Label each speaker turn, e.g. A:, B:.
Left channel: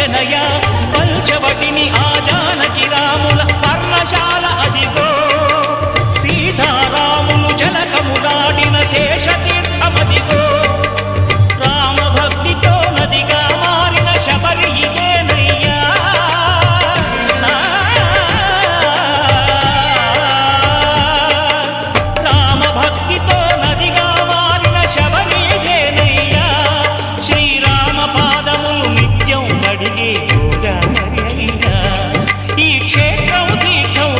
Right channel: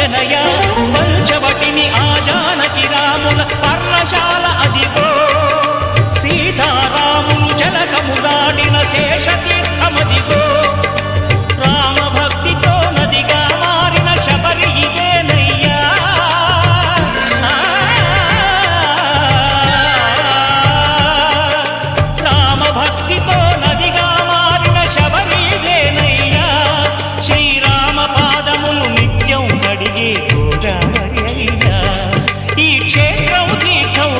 A: చేయించనయా పంచవటిని ఆ జానకి రాముల పర్ణశాల అదిగో. సీతారాములు జలకములాడిన శేషతీర్థమదిగో. రామ భక్తితో నదిగా మారిన శబరి ఇదే. నిత్యం కడిగే గోదావరి అయ్యా. ఈ క్షేత్రం తీర్థం